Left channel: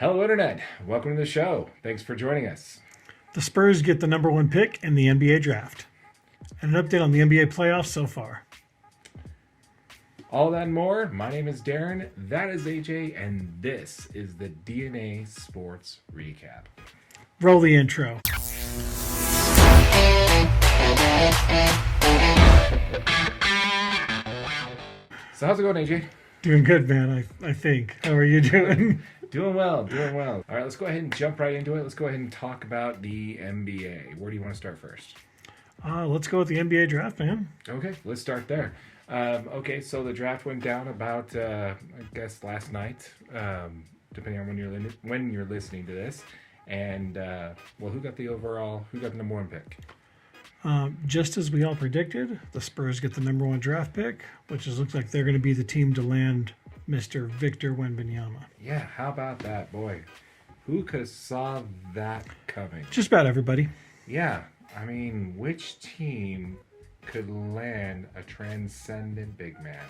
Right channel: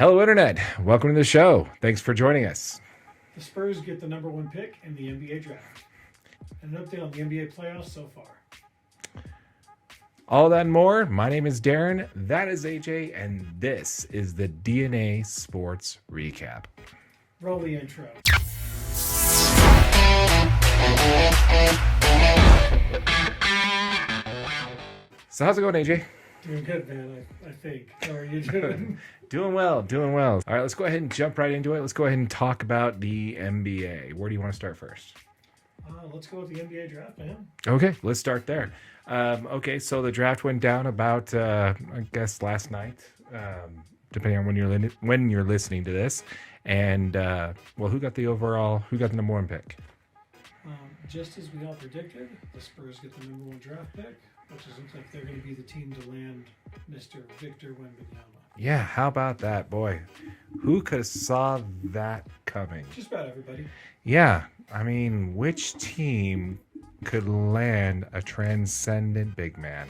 Hello, Internet. Welcome to the show. Thanks for joining us. The Spurs get the number one pick in the NBA draft. And an update on the NBA playoffs so far. All that and more. My name is Darren. That is AJ. And this is the DNA Sports Recap. Roll the intro. So how's it going, AJ? Doing good, man, I think. How are you doing? Doing well. All right, let's go ahead and jump right into it. Let's go ahead and talk about the NBA. Where do you want to start first? Let's go with the NBA draft, man. Okay, let's start there. So the draft went down about, I guess, last night, depending on when you're listening to this. And, who got the number one pick? Just as we all predicted, the Spurs get the number one draft pick, which looks like they're going to be the team to land Mr. Victor Wembanyama. Yeah, how about that, boy? Who could have saw that coming? Just about everybody. Yeah, I mean, which team could land a transcendent big man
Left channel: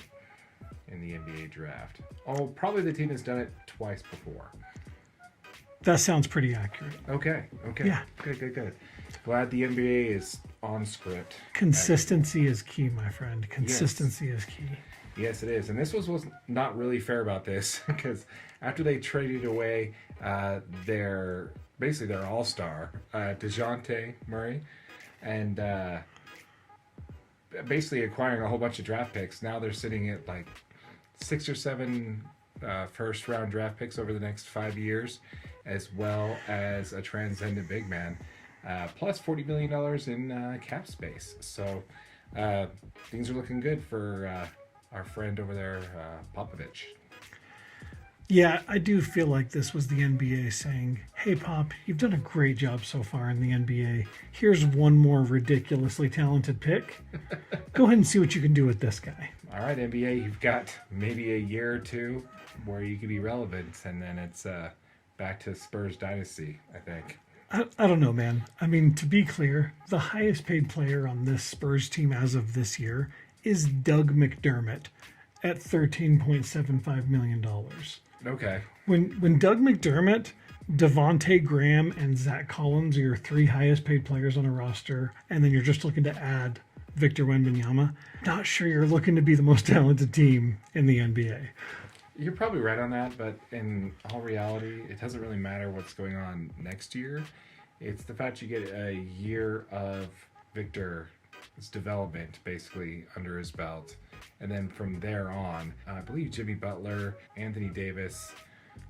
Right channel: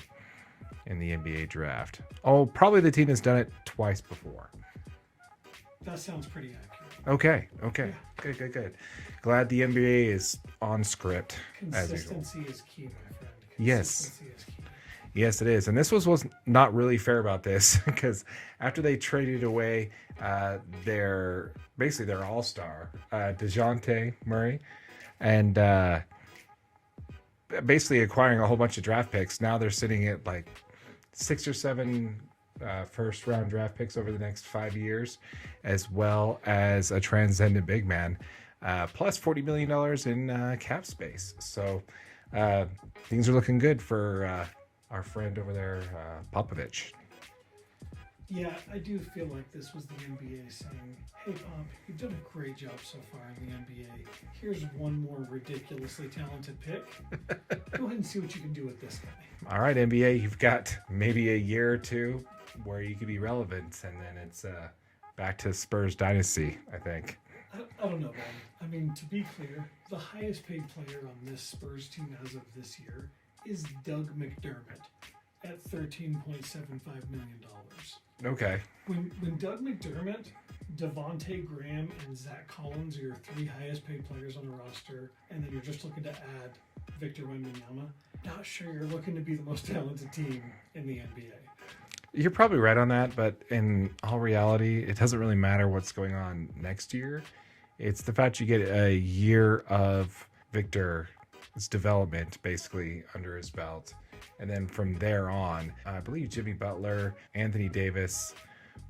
in the NBA draft? Oh, probably the team that's done it twice before. That sounds pretty accurate. Okay. Yeah. Good. Glad the NBA is on script. Consistency is key, my friend. Consistency is key. Yes, it is. And this was not really fair about this because after they traded away their all-star, Jamal Murray, and basically acquiring a whole bunch of draft picks, now they're sitting at like 6 or 7 first-round draft picks over the next 5 years, as well as a transcendent big man, plus $40 million in cap space. So things are looking good for our friend over there, Popovich. Yeah, I do feel like this was the NBA saying, hey, Pop, you've done a great job so far in the NBA. Here's one more ridiculously talented pick. Go ahead and see what you can do with this guy. All right, NBA, you've got maybe a year or two where you can be relevant, and then it's back to Spurs dynasty, I think. I don't know, man. I mean, to be clear, the highest paid player on this Spurs team as of this year is Doug McDermott at $13.75 million. Okay. When Doug McDermott, Devontae Graham, and Zach Collins are your 3 highest paid players on a roster, and then you're just looking to add Victor Wembanyama, not sure you're looking to be the most talented team in the NBA. You're probably right on that, but in all reality, it doesn't really matter what's going on next year. It's the fact you get a year of Victor's development basically under his belt. And then from there on, I believe Jimmy Butler, Anthony Davis,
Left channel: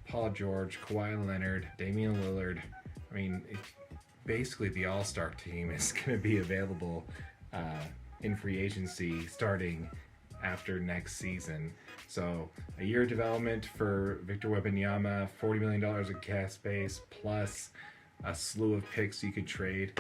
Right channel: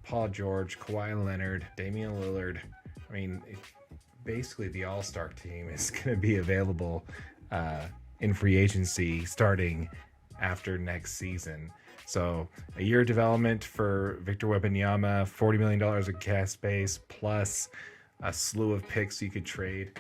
Paul George, Kawhi Leonard, Damian Lillard. I mean, basically the all-star team is going to be available in free agency starting after next season. So a year of development for Victor Wembanyama, $40 million of cap space, plus a slew of picks you could trade.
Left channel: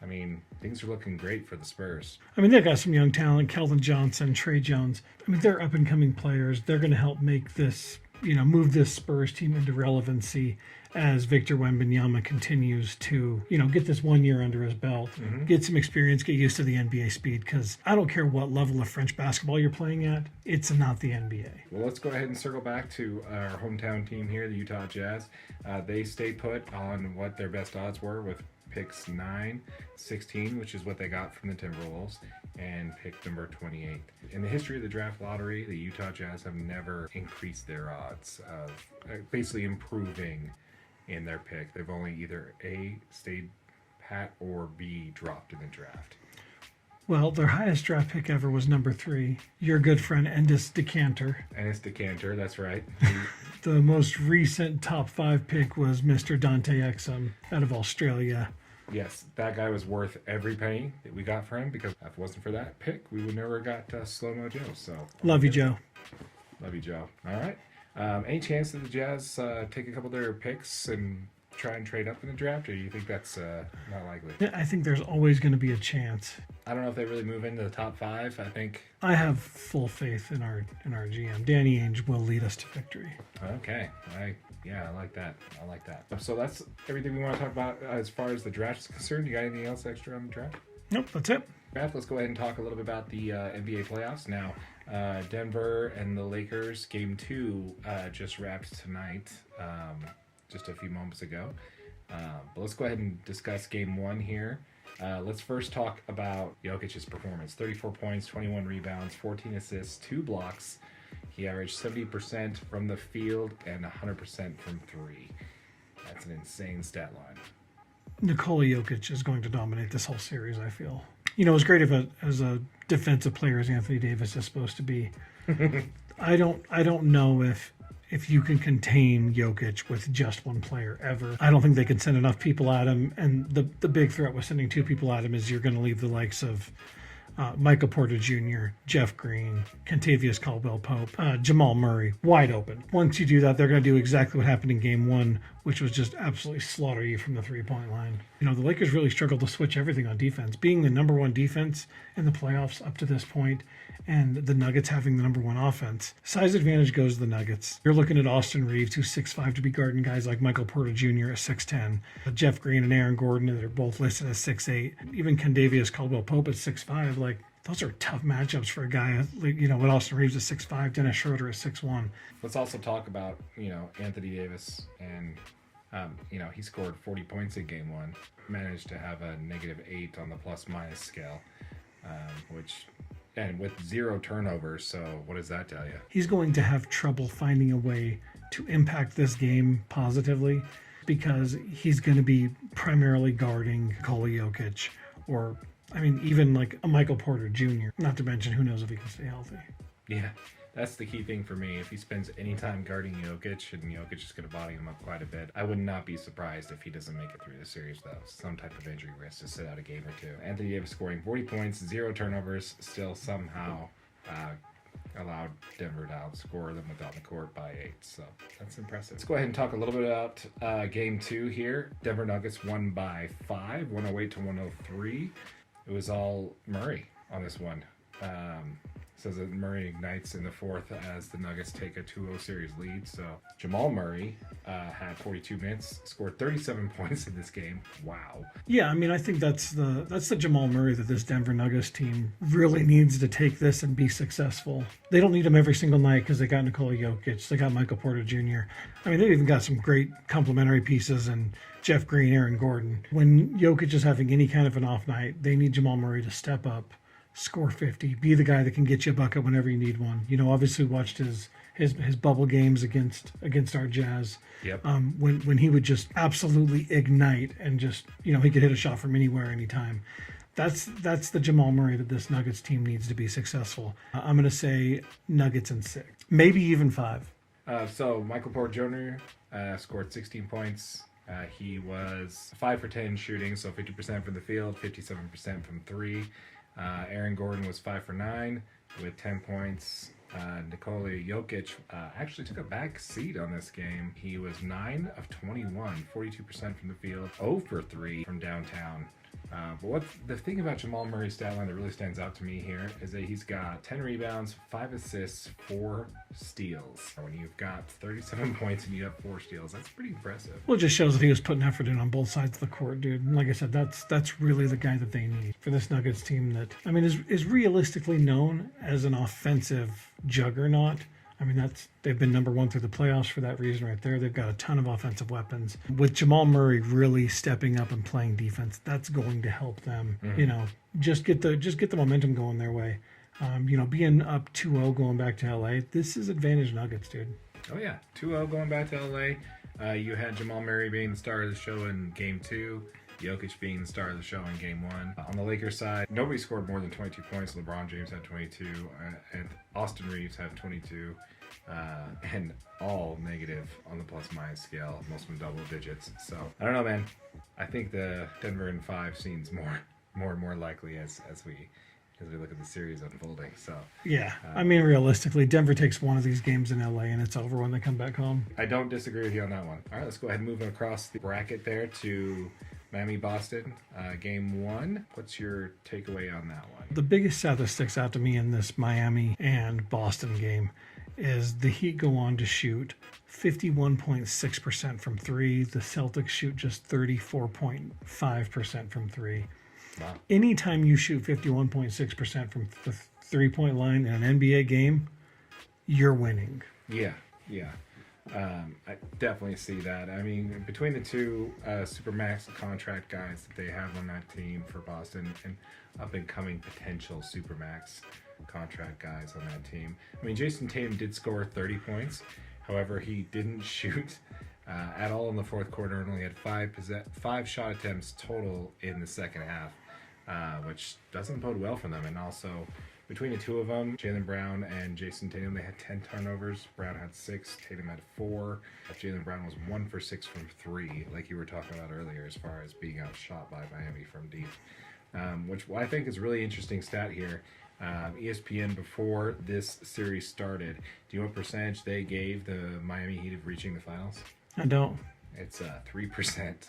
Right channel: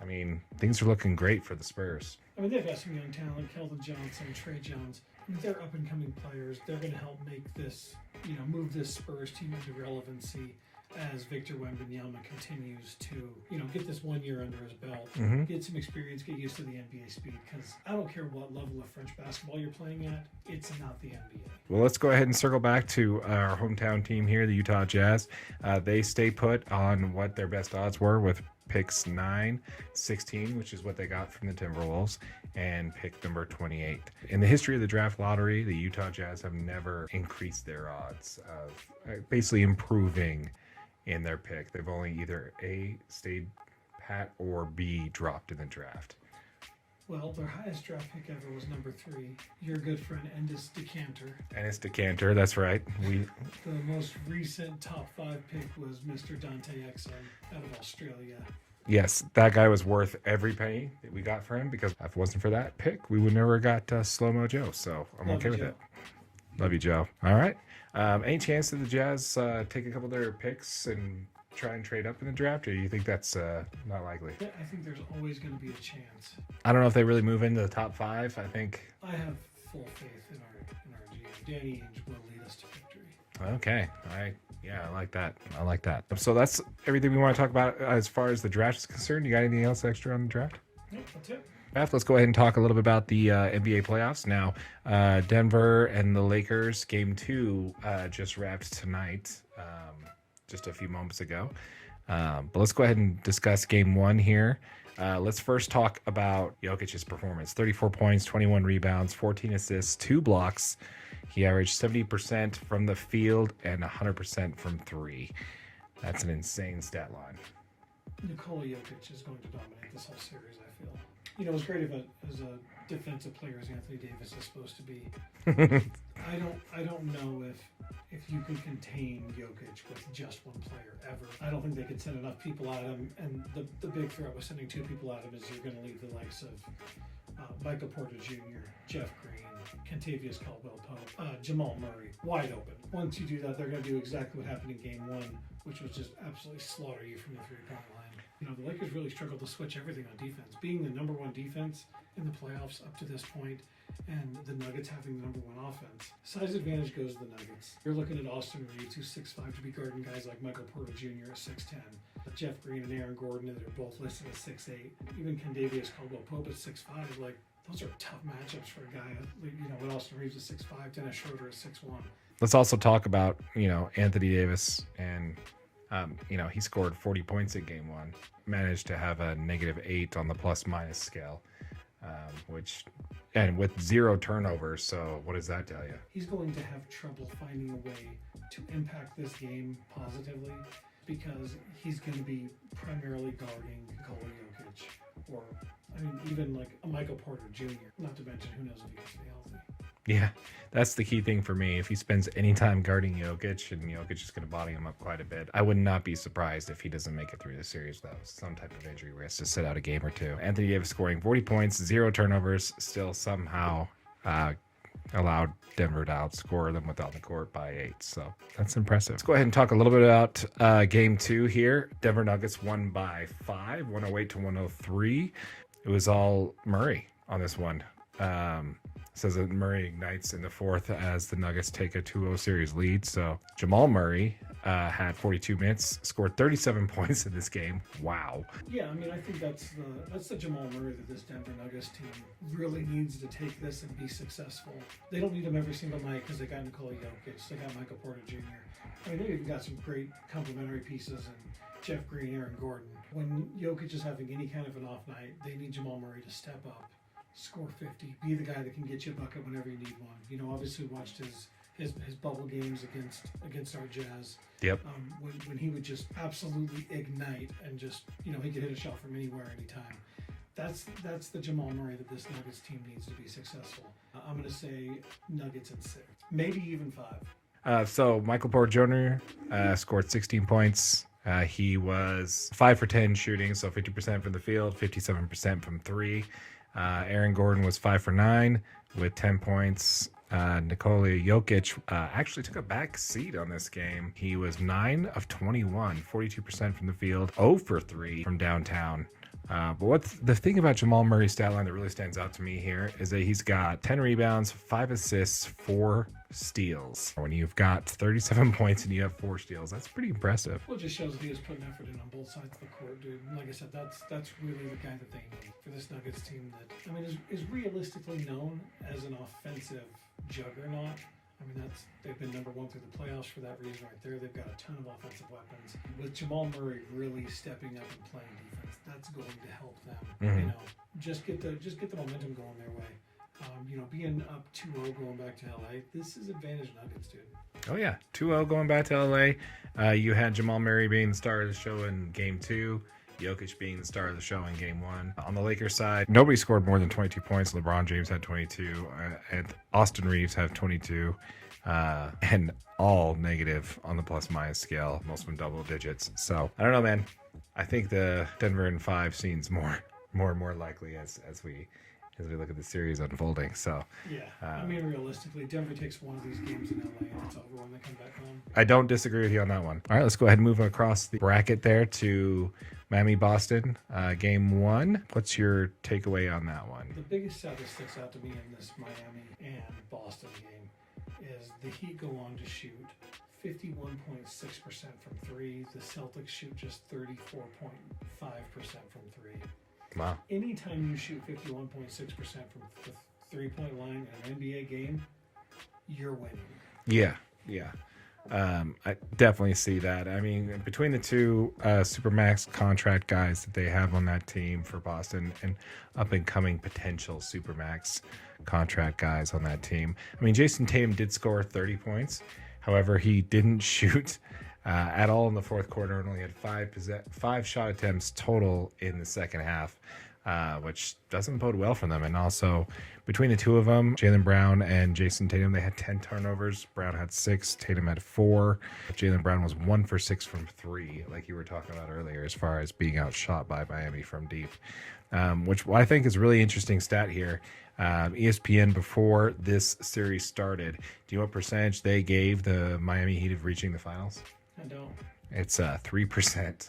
I mean, things are looking great for the Spurs. I mean, they've got some young talent, Keldon Johnson, Trey Jones. I mean, they're up-and-coming players. They're going to help make this, move this Spurs team into relevancy as Victor Wembanyama continues to, get this 1 year under his belt, get some experience, get used to the NBA speed, because I don't care what level of French basketball you're playing at, it's not the NBA. Well, let's go ahead and circle back to our hometown team here, the Utah Jazz. They stayed put on what their best odds were with picks 9, 16, which is what they got from the Timberwolves, and pick number 28. In the history of the draft lottery, the Utah Jazz have never increased their odds of basically improving in their pick. They've only either A, stayed pat, or B, dropped in the draft. Well, their highest draft pick ever was number 3. Your good friend Enes Kanter. That's right. The most recent top 5 pick was Mr. Dante Exum out of Australia. Yes, that guy was worth every penny that we got for him, because if it wasn't for that pick, we would never got Slow-Mo Joe. So Love you, Joe. Love you, Joe. All right. Any chance that the Jazz take a couple of their picks and try and trade up in the draft, or do you think that's not likely? Yeah, I think there's always going to be a chance. I don't know if they really move into the top 5. I have full faith in our GM. Danny Ainge will lead us to victory. Okay. I like that. So that's everything we want to talk about as far as the draft is concerned. You got anything else extra on the draft? Nope, that's it. Let's go ahead and talk a little bit about the NBA playoffs now. Denver and the Lakers, game 2 just wrapped tonight. just a few moments ago. But let's go ahead and discuss game one here. Let's first talk about Jokic's performance. 34 points, 21 rebounds, 14 assists, 2 blocks. He averaged 70% from the field and 100% from three. That's an insane stat line. Nikola Jokic is going to dominate this whole series, I feel. You know, as great of as a defensive player as Anthony Davis is supposed to be, I don't know if you can contain Jokic with just one player ever. I don't think they can send enough people at him, and the big threat with sending 2 people at him is you're going to leave the likes of Michael Porter Jr., Jeff Green, Kentavious Caldwell-Pope, Jamal Murray, wide open. Once you do that, they're going to do exactly what happened in game one, which was just absolutely slaughter you from the three-point line. You know, the Lakers really struggled to switch everything on defense. Being the number one defense in the playoffs up to this point, and the Nuggets having the number one offense, size advantage goes to the Nuggets. You're looking at Austin Reeves, who's 6'5", to be guarding guys like Michael Porter Jr. at 6'10", Jeff Green and Aaron Gordon, that are both listed as 6'8", even Kentavious Caldwell-Pope at 6'5". Like, those are tough matchups for a guy, you know, with Austin Reeves at 6'5", Dennis Schroeder at 6'1". Let's also talk about, you know, Anthony Davis and, you know, he scored 40 points in game one, managed to have a -8 on the plus-minus scale, and with 0 turnovers. So what does that tell you? He's going to have trouble finding a way to impact this game positively because he's going to be primarily guarding Nikola Jokic, or, I mean, even like a Michael Porter Jr., not to mention who knows if he can stay healthy. Yeah, that's the key thing for me. If he spends any time guarding Jokic, and Jokic is going to body him up quite a bit, I would not be surprised if he doesn't make it through the series without some type of injury where he has to sit out a game or two. Anthony Davis scoring 40 points, 0 turnovers, still somehow allowed Denver to outscore them without the court by 8. So that's impressive. Let's go ahead and talk a little bit about game 2 here. Denver Nuggets won by 5, 108 to 103. It was all Murray on this one. Says that Murray ignites in the fourth as the Nuggets take a 2-0 series lead. So Jamal Murray had 42 minutes, scored 37 points in this game. Wow. Yeah, I mean, I think that's the Jamal Murray that this Denver Nuggets team really needs to take this and be successful. They don't need him every single night because they got Nikola Jokic, they got Michael Porter Jr. I mean, they've even got some great complementary pieces and Jeff Green, Aaron Gordon. When Jokic is having any kind of an off night, they need Jamal Murray to step up, score 50, be the guy that can get you a bucket whenever you need one. You know, obviously watched his bubble games against our Jazz. Yep. When he would just absolutely ignite and just, you know, he could hit a shot from anywhere, anytime. That's the Jamal Murray that this Nuggets team needs to be successful. I'm going to say Nuggets in 6, maybe even 5. So Michael Porter Jr. Scored 16 points. He was 5 for 10 shooting, so 50% from the field, 57% from 3. Aaron Gordon was 5 for 9 with 10 points. Nikola Jokic actually took a back seat on this game. He was 9 of 21, 42% from the field, 0 for 3 from downtown. But what's the thing about Jamal Murray's stat line that really stands out to me here is that he's got 10 rebounds, 5 assists, 4 steals. When you've got 37 points and you have 4 steals, that's pretty impressive. Well, it just shows that he was putting effort in on both sides of the court, dude. And like I said, that's really the guy that they need for this Nuggets team that, I mean, is realistically known as an offensive juggernaut. I mean, they've been number 1 through the playoffs for that reason right there. They've got a ton of offensive weapons. With Jamal Murray really stepping up and playing defense, that's going to help them. Mm-hmm. You know, just get the momentum going their way. You know, being up 2-0 going back to LA, this is advantage Nuggets, dude. Oh yeah, 2-0 going back to LA. You had Jamal Murray being the star of the show in game 2. Jokic being the star of the show in game 1. On the Lakers side, nobody scored more than 22 points. LeBron James had 22, and Austin Reeves had 22, and all negative on the plus-minus scale, most of them double digits. So, I don't know, man. I think the Denver in 5 seems more and more likely as we look at the series unfolding. So yeah, I mean, realistically, Denver takes one of these games in LA and it's over when they come back home. I don't disagree with you on that one. All right, let's go ahead and move across the bracket there to Miami Boston, game 1. What's your takeaway on that one? The biggest stat that sticks out to me in this Miami and Boston game is the Heat go on to shoot 51.6% from 3. The Celtics shoot just 34.5% from 3. Wow. Anytime you shoot 51.6% from the 3-point line in an NBA game, you're winning. Yeah. I definitely see that. I mean, between the two Supermax contract guys that they have on that team for Boston and up and coming potential Supermax contract guys on that team. I mean, Jason Tatum did score 30 points. However, he didn't shoot at all in the fourth quarter and only had five shot attempts total in the second half, which doesn't bode well for them. And also, between the two of them, Jaylen Brown and Jason Tatum, they had 10 turnovers. Brown had 6, Tatum had 4. Jaylen Brown was 1 for 6 from 3, like you were talking about earlier, as far as being outshot by Miami from deep. Which I think is a really interesting stat here. ESPN, before this series started, do you know what percentage they gave the Miami Heat of reaching the finals? I don't. It's 3%.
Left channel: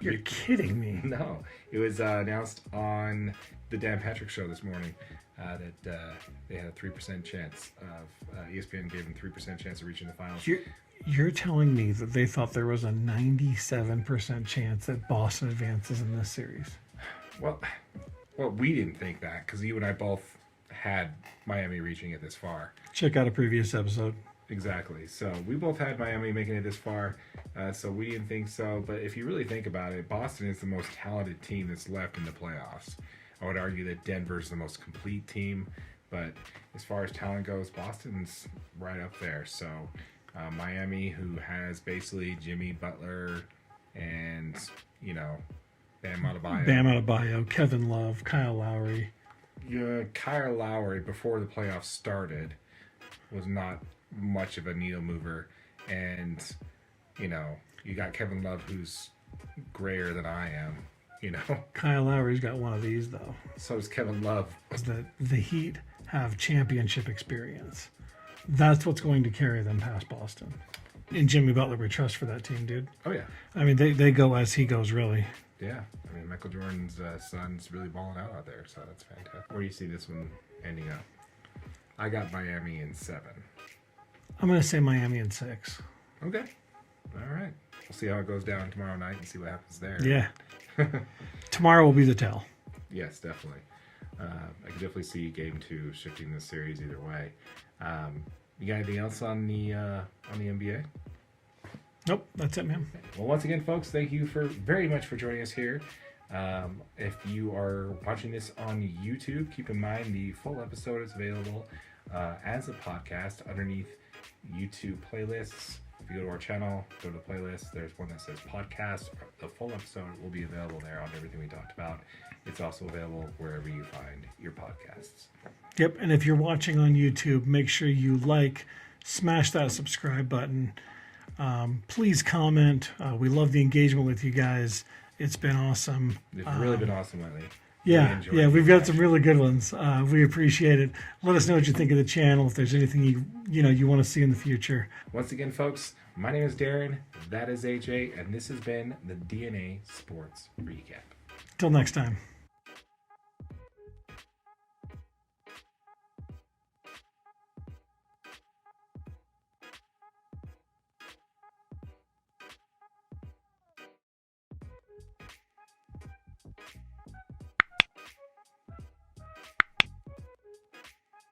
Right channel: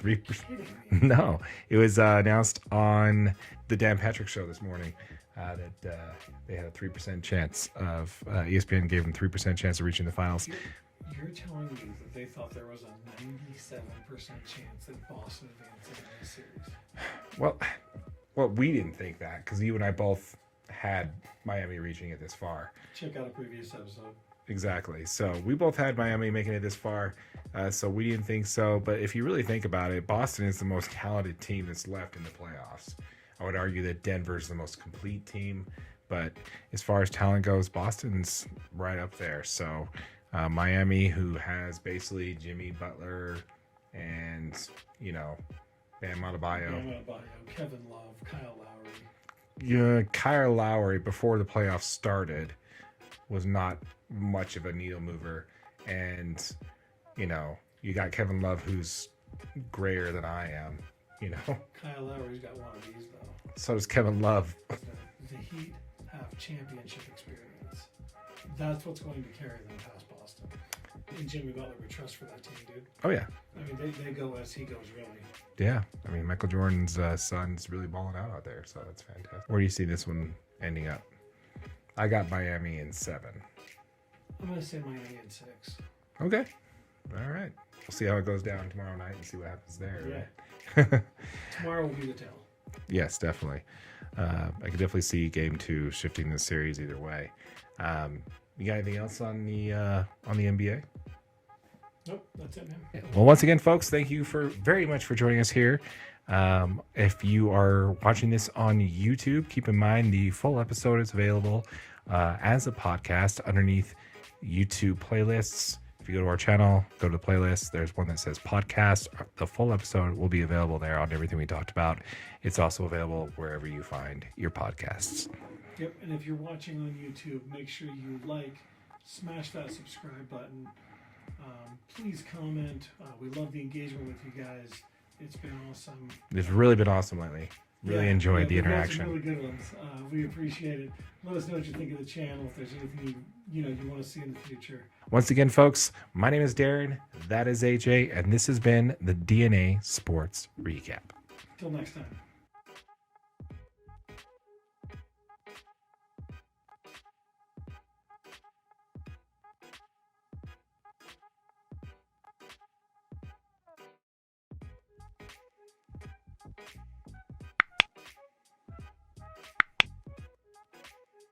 You're kidding me. No, it was announced on the Dan Patrick Show this morning that they had a 3% chance of ESPN gave them 3% chance of reaching the finals. You're telling me that they thought there was a 97% chance that Boston advances in this series? Well, we didn't think that because you and I both had Miami reaching it this far. Check out a previous episode. Exactly. So we both had Miami making it this far, so we didn't think so. But if you really think about it, Boston is the most talented team that's left in the playoffs. I would argue that Denver is the most complete team, but as far as talent goes, Boston's right up there. So Miami, who has basically Jimmy Butler and, Bam Adebayo, Kevin Love, Kyle Lowry. Yeah, Kyle Lowry, before the playoffs started, was not much of a needle mover. And, you got Kevin Love, who's grayer than I am, Kyle Lowry's got one of these, though. So does Kevin Love. The Heat have championship experience. That's what's going to carry them past Boston. And Jimmy Butler, we trust for that team, dude. Oh, yeah. I mean, they go as he goes, really. Yeah. I mean, Michael Jordan's son's really balling out there, so that's fantastic. Where do you see this one ending up? I got Miami in 7. I'm going to say Miami in 6. Okay. All right. We'll see how it goes down tomorrow night and see what happens there. Yeah. Tomorrow will be the tell. Yes, definitely. I can definitely see Game 2 shifting the series either way. You got anything else on the NBA? Nope, that's it, man. Well, once again, folks, thank you very much for joining us here. If you are watching this on YouTube, keep in mind the full episode is available as a podcast underneath YouTube playlists. If you go to our channel, go to the playlist, there's one that says podcast. The full episode will be available there on everything we talked about. It's also available wherever you find your podcasts. Yep, and if you're watching on YouTube, make sure you smash that subscribe button. Please comment. We love the engagement with you guys. It's been awesome. It's really been awesome lately. Really we've got some really good ones. We appreciate it. Let us know what you think of the channel. If there's anything you want to see in the future. Once again, folks, my name is Darren. That is AJ, and this has been the DNA Sports Recap. Till next time.